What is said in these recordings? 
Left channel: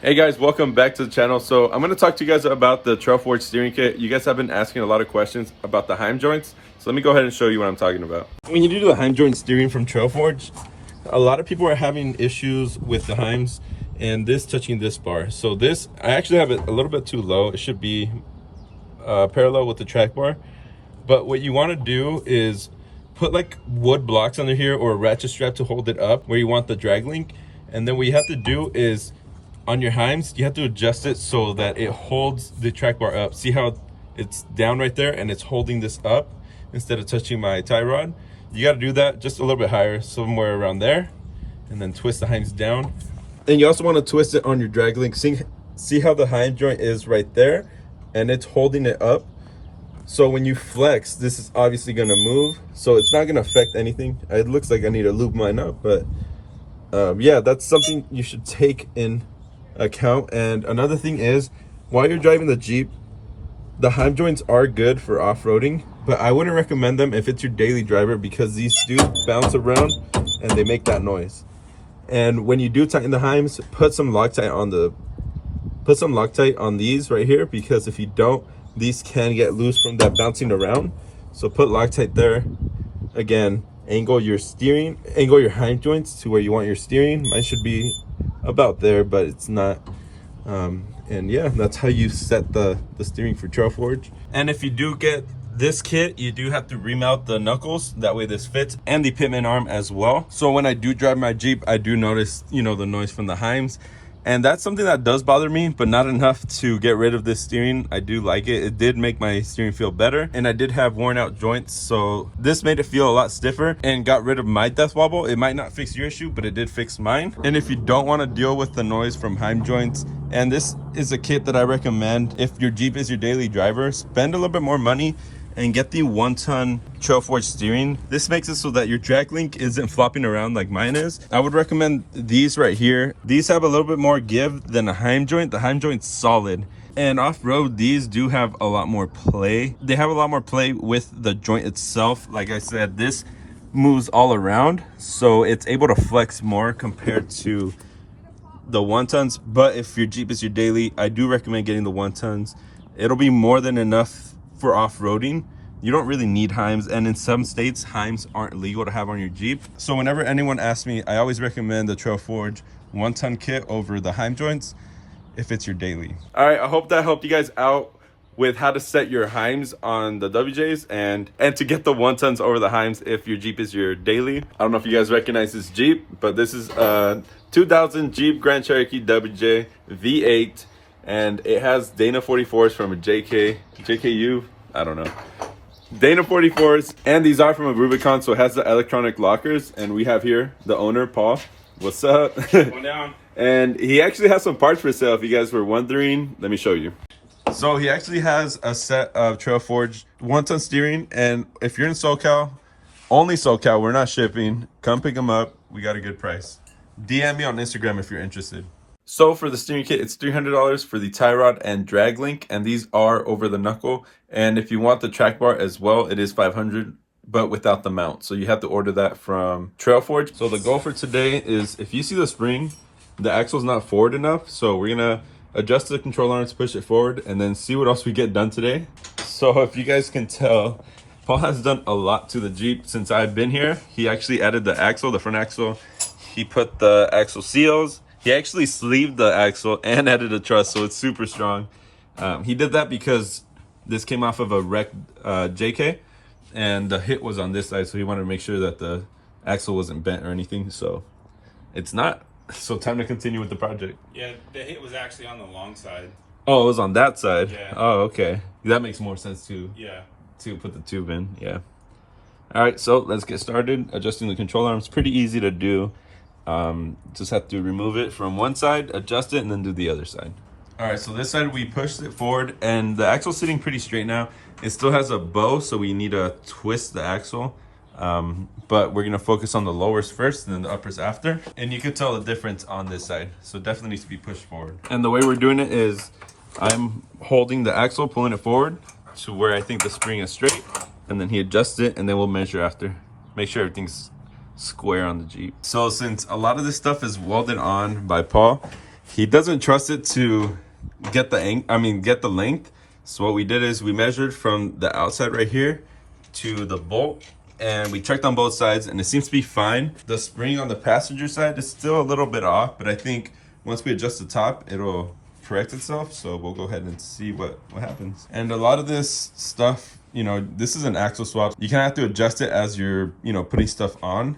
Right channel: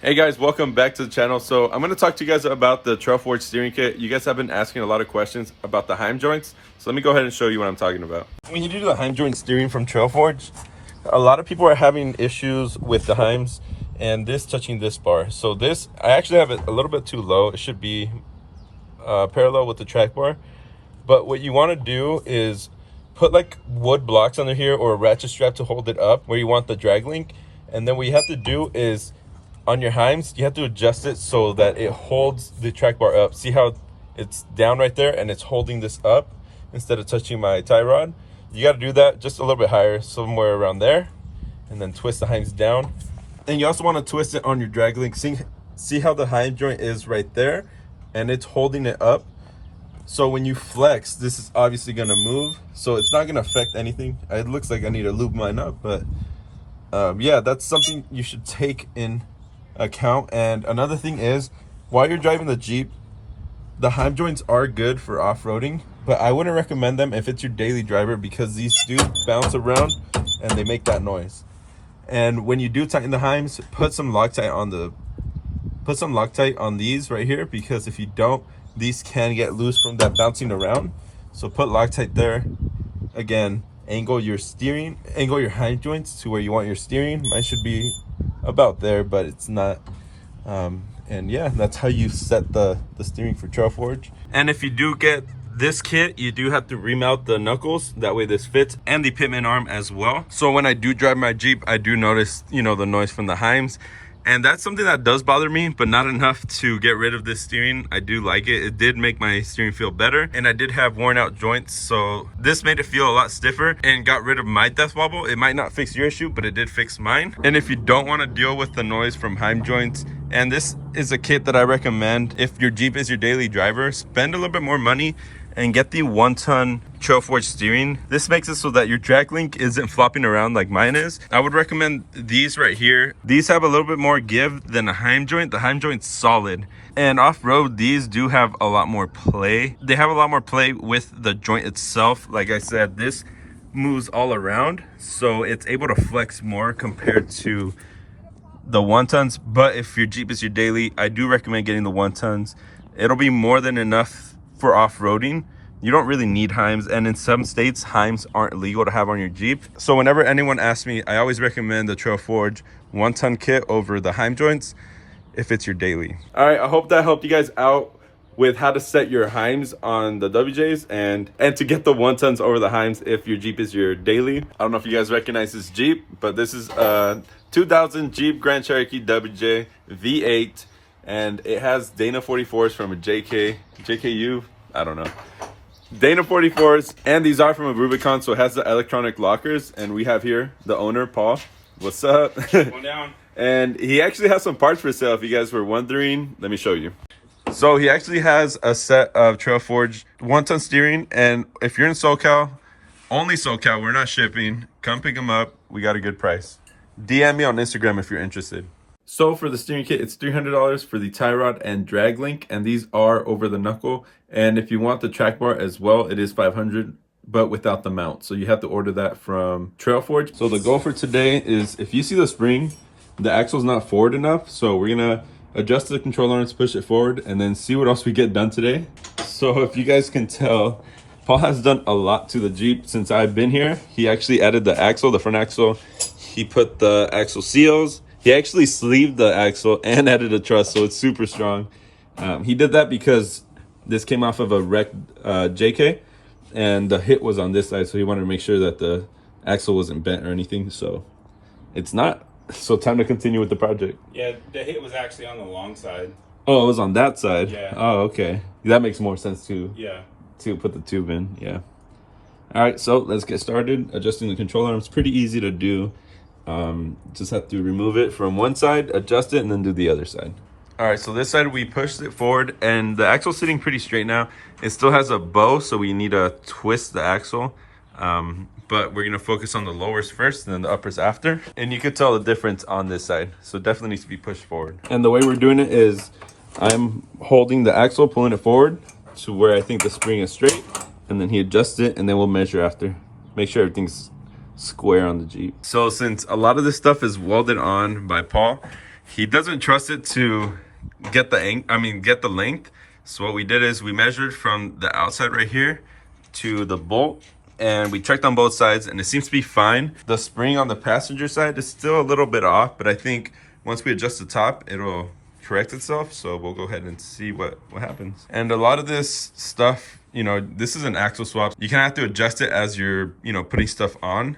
Hey guys, welcome back to the channel. So I'm going to talk to you guys about the Trailforged steering kit. You guys have been asking a lot of questions about the Heim joints. So let me go ahead and show you what I'm talking about. When you do the Heim joint steering from Trailforged, a lot of people are having issues with the Heims and this touching this bar. So this, I actually have it a little bit too low. It should be parallel with the track bar. But what you want to do is put like wood blocks under here or a ratchet strap to hold it up where you want the drag link. And then what you have to do is on your Heims, you have to adjust it so that it holds the track bar up. See how it's down right there and it's holding this up instead of touching my tie rod? You got to do that just a little bit higher, somewhere around there, and then twist the Heims down. Then you also want to twist it on your drag link. See how the Heim joint is right there and it's holding it up. So when you flex, this is obviously going to move, so it's not going to affect anything. It looks like I need to lube mine up, but yeah, that's something you should take in account. And another thing is, while you're driving the Jeep, the Heim joints are good for off-roading, but I wouldn't recommend them if it's your daily driver because these do bounce around and they make that noise. And when you do tighten the Heims, put some Loctite on these right here, because if you don't, these can get loose from that bouncing around. So put Loctite there. Again, angle your Heim joints to where you want your steering. Mine should be about there, but it's not. And yeah, that's how you set the steering for Trailforged. And if you do get this kit, you do have to remount the knuckles, that way this fits, and the pitman arm as well. So when I do drive my Jeep, I do notice, you know, the noise from the Heims, and that's something that does bother me, but not enough to get rid of this steering. I do like it. It did make my steering feel better, and I did have worn out joints, so this made it feel a lot stiffer and got rid of my death wobble. It might not fix your issue, but it did fix mine. And if you don't want to deal with the noise from Heim joints, and this is a kit that I recommend if your Jeep is your daily driver, spend a little bit more money and get the 1-ton Trailforged steering. This makes it so that your drag link isn't flopping around like mine is. I would recommend these right here. These have a little bit more give than a Heim joint. The Heim joint's solid. And off-road, these do have a lot more play. They have a lot more play with the joint itself. Like I said, this moves all around, so it's able to flex more compared to the 1-tons. But if your Jeep is your daily, I do recommend getting the 1-tons. It'll be more than enough for off-roading. You don't really need Heims, and in some states Heims aren't legal to have on your Jeep. So whenever anyone asks me, I always recommend the Trailforged 1-ton kit over the Heim joints if it's your daily. All right, I hope that helped you guys out with how to set your Heims on the WJs and to get the 1-tons over the Heims if your Jeep is your daily. I don't know if you guys recognize this Jeep, but this is a 2000 Jeep Grand Cherokee WJ V8. And it has Dana 44s from a JKU, I don't know. Dana 44s, and these are from a Rubicon, so it has the electronic lockers. And we have here the owner, Paul. What's up? One down. And he actually has some parts for sale if you guys were wondering. Let me show you. So he actually has a set of Trailforged 1-ton steering, and if you're in SoCal, only SoCal, we're not shipping, come pick them up. We got a good price. DM me on Instagram if you're interested. So for the steering kit, it's $300 for the tie rod and drag link, and these are over the knuckle. And if you want the track bar as well, it is $500, but without the mount. So you have to order that from Trailforged. So the goal for today is, if you see the spring, the axle's not forward enough, so we're gonna adjust the control arms, push it forward, and then see what else we get done today. So if you guys can tell, Paul has done a lot to the Jeep since I've been here. He actually added the axle, the front axle. He put the axle seals. He actually sleeved the axle and added a truss, so it's super strong. He did that because this came off of a wrecked JK, and the hit was on this side, so he wanted to make sure that the axle wasn't bent or anything, so it's not. So time to continue with the project. Yeah, the hit was actually on the long side. Oh, it was on that side? Yeah. Oh, okay. That makes more sense too. Yeah. To put the tube in, yeah. All right, so let's get started. Adjusting the control arms, pretty easy to do. Just have to remove it from one side, adjust it, and then do the other side. All right, so this side we pushed it forward, and the axle's sitting pretty straight now. It still has a bow, so we need to twist the axle. But we're gonna focus on the lowers first and then the uppers after. And you can tell the difference on this side, so it definitely needs to be pushed forward. And the way we're doing it is I'm holding the axle, pulling it forward to where I think the spring is straight, and then he adjusts it, and then we'll measure after. Make sure everything's square on the Jeep. So since a lot of this stuff is welded on by Paul, He doesn't trust it to get the length. So what we did is we measured from the outside right here to the bolt, and we checked on both sides, and it seems to be fine. The spring on the passenger side is still a little bit off, but I think once we adjust the top, it'll correct itself. So we'll go ahead and see what happens. And a lot of this stuff, you know, this is an axle swap. You kind of have to adjust it as you're, you know, putting stuff on.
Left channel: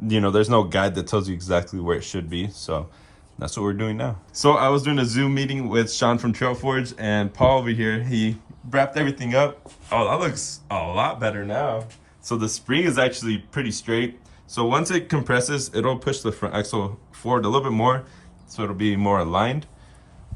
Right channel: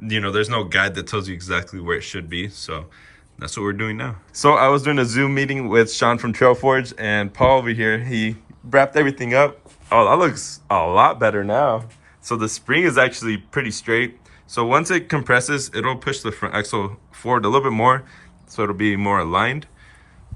You know, there's no guide that tells you exactly where it should be. So that's what we're doing now. So I was doing a Zoom meeting with Sean from Trailforged, and Paul over here, he wrapped everything up. Oh, that looks a lot better now. So the spring is actually pretty straight. So once it compresses, it'll push the front axle forward a little bit more, so it'll be more aligned.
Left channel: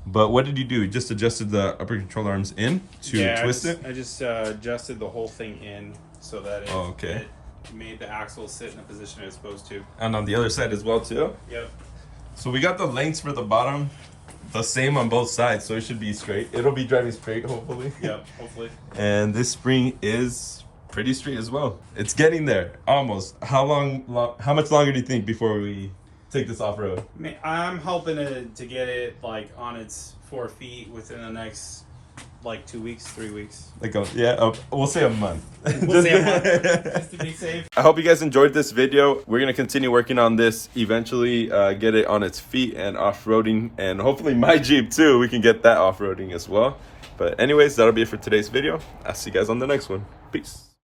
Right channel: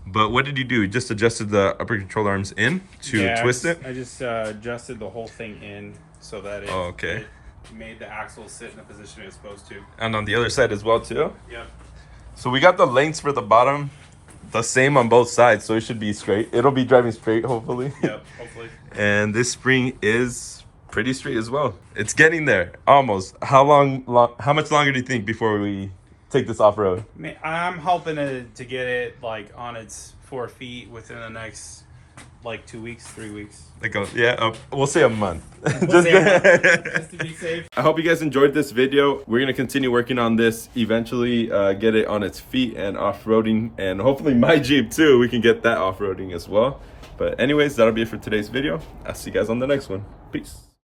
But what did you do? You just adjusted the upper control arms in to twist it? I just adjusted the whole thing in so that it made the axle sit in the position it's supposed to. And on the other side as well too? Yep. So we got the lengths for the bottom the same on both sides, so it should be straight. It'll be driving straight, hopefully. Yep, hopefully. And this spring is pretty straight as well. It's getting there, almost. How much longer do you think before we take this off-road? I'm hoping to get it like on its 4 feet within the next like 2 weeks, 3 weeks. We'll say a month. We'll say a month, just to be safe. I hope you guys enjoyed this video. We're gonna continue working on this, eventually get it on its feet and off-roading, and hopefully my Jeep too, we can get that off-roading as well. But anyways, that'll be it for today's video. I'll see you guys on the next one. Peace.